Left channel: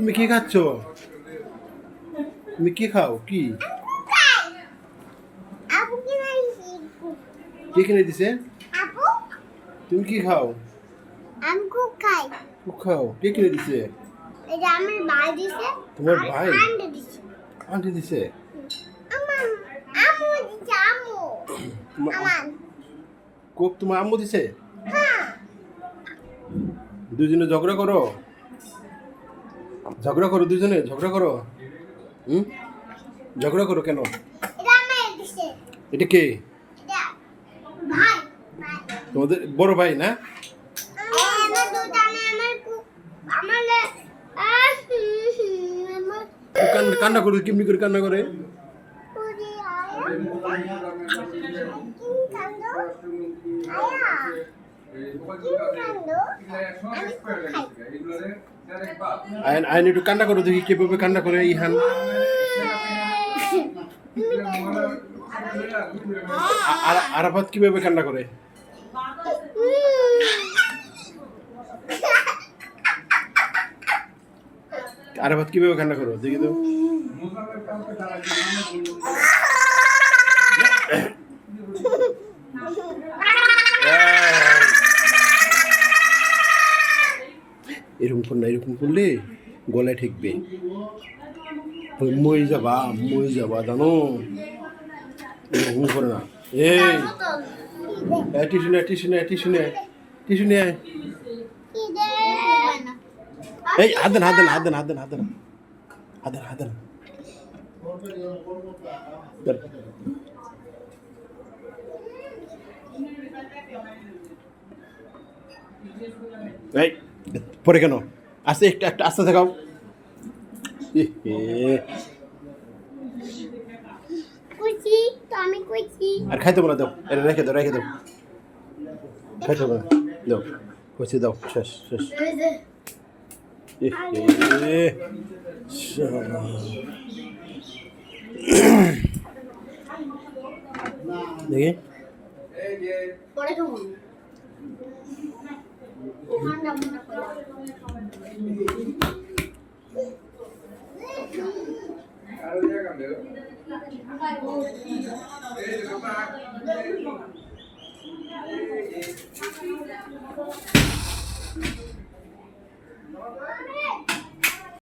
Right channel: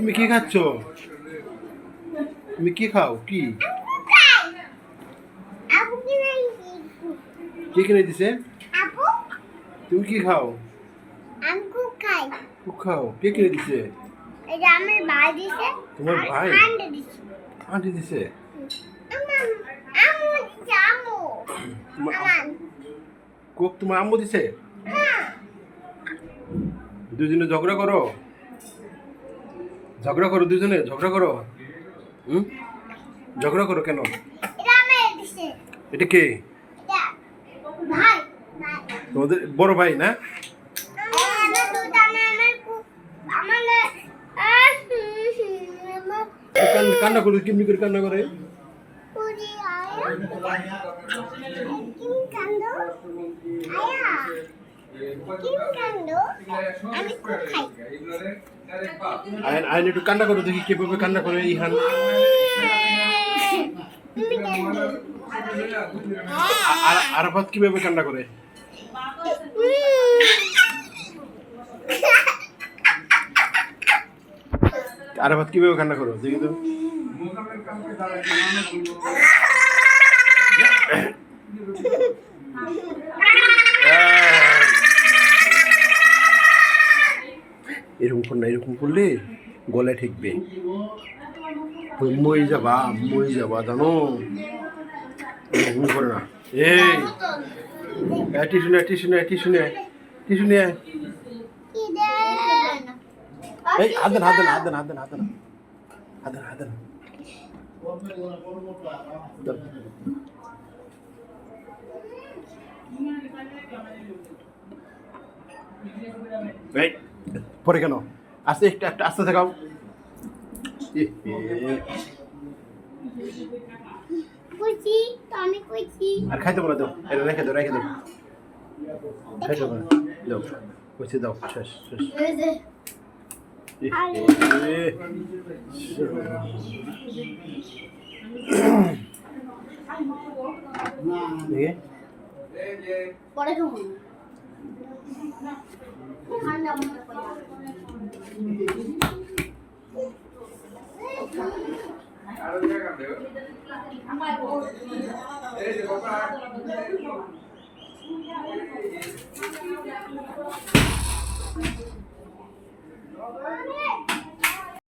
তুমি কি খাচ্ছ? তুমি কি খাও? কি কে কিনে দিছে? তুমি কি খাও? আমি কুক খাই। কুক খাও? কে কিনে দিছে? এটা আমার ভাই দিছে। তোমার ভাই? আন্টি দিছে। আন্টি দিছে? আমার আম্মু দিছে, আম্মু। আমার কুক তোমার আম্মু দিছে? হ্যাঁ। দুজনে ঝগড়া করো? ঝগড়া করো দুজনে? ঝগড়া করো? হুম? ঝগড়া করো কেন? এটা আমার দিছে। এটা কে? এটা ভাই। ভাই। তোমাদের বড় ভাই না? আমার দুধ আমার কুক আমার আমার কান্না করে কেমনি করে কান্না করে? পুরি আয়া কিম কান্দো আয়া কিম কান্দো আমি কুক খাই। আইন একটু কান্না করে দেখি কিভাবে কান্না করে ইহান। তুমি কান্দো আরাফাত কিভাবে কান্না করে? আরাফাত কিভাবে কান্না করো দেখি তো। এরকম কর না, এরকম করলে গলায় ঠেকবে, মই যাবা জানো। এরকম করে না। এই টিসু নিয়ে এই হাতেন এই পরে কেন আস্তে একটা আস্তে থাকাও। কুচি তো আমি কুচি আর খাইতে না, দাও এটা রেখে দাও খাইতে না, দাও কুচি দাও, শেষ দেখি পরে খাবো ঠান্ডা মন্ডা করে